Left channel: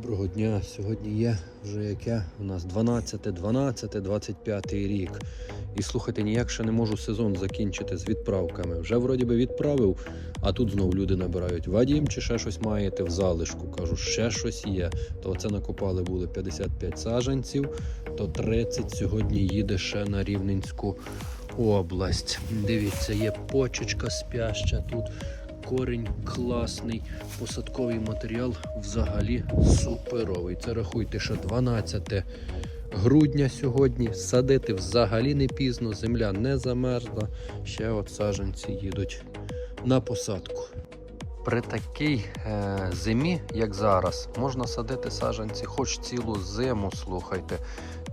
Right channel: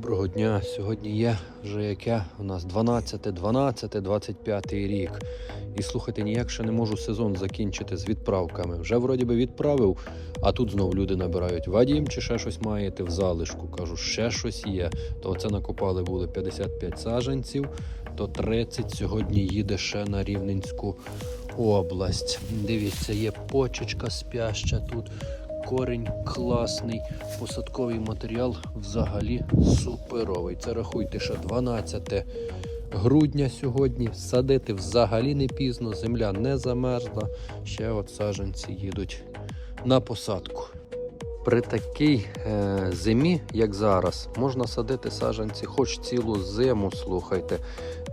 Доброго дня. Сьогодні є вже яке у нас 12, 12, 25 рік. І слухайте, ніяк ще не можу сезон закінчити з відправками. Вже вроді би відправив, а тут знов люди набирають. Вадім чи ще щось маєте в залишку? Кажу, ще щось є. То це накопали були 55 саджанців, то 30 сьогодні їде ще на Рівненську область. Дивіться, є почечка спяща тут. Корінь класний, посадковий матеріал взагалі суперовий. Це рахуйте, що 12 грудня сьогодні. Садити взагалі не пізно, земля не замерзла. Ще от саджанці їдуть на посадку. При такій е, зимі, як зараз, можна садити саджанці хоч цілу зиму, слухайте.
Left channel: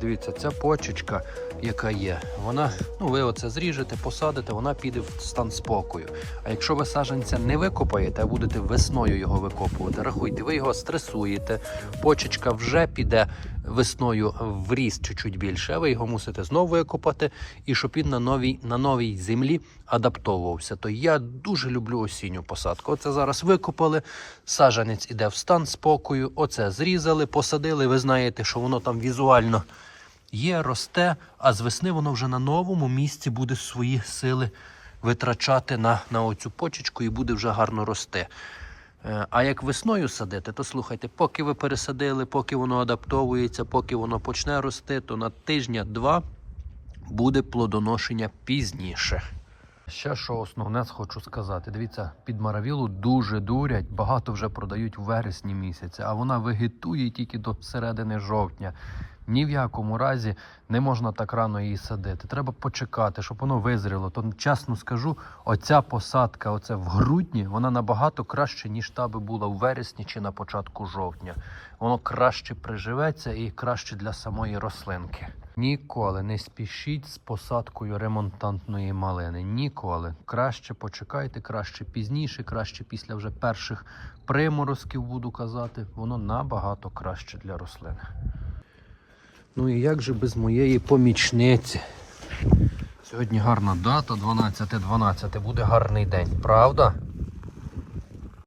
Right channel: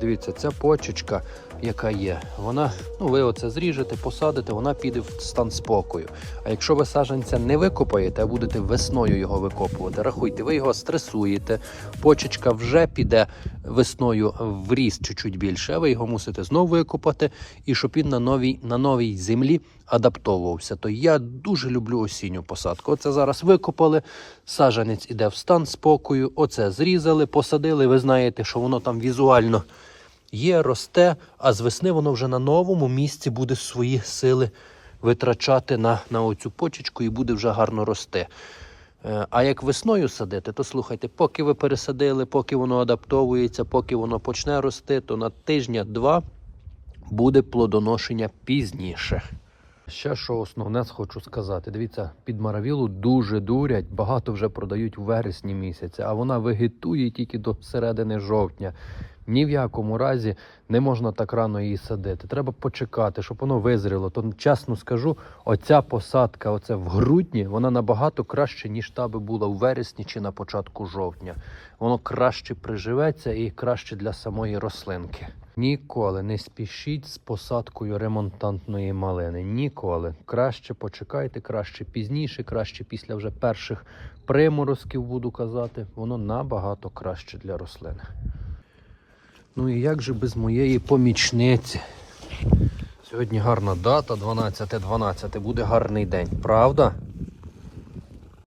Дивіться, це почечка, яка є. Вона, ну ви оце зріжете, посадите, вона піде в стан спокою. А якщо ви саджанця не викопаєте, а будете весною його викопувати, рахуйте, ви його стресуєте, почечка вже піде весною в ріст чуть-чуть більше, а ви його мусите знову викопати, і щоб він на новій, на новій землі адаптовувався. То я дуже люблю осінню посадку. Оце зараз викопали, саджанець іде в стан спокою, оце зрізали, посадили. Ви знаєте, що воно там візуально є, росте, а з весни воно вже на новому місці буде свої сили витрачати на, на оцю почечку і буде вже гарно рости. Е, А як весною садити, то слухайте, поки ви пересадили, поки воно адаптовується, поки воно почне рости, то на тижня-два буде плодоношення пізніше. Ще що основне хочу сказати. Дивіться, під маравілу дуже дурять, багато вже продають в вересні місяці, а вона вегетує тільки до середини жовтня. Ні в якому разі не можна так рано її садити. Треба почекати, щоб воно визріло. То чесно скажу, оця посадка, оце в грудні, вона набагато краще, ніж та би була в вересні чи на початку жовтня. Воно краще приживеться і краще для самої рослинки. Ніколи не спішіть з посадкою ремонтантної малини. Ніколи. Краще почекайте, краще пізніше, краще після вже перших приморозків, буду казати. Воно набагато краще для рослини. Ну і як же без моєї помічниці? Сьогодні гарна дата, 12.12. Буде гарний день, правда?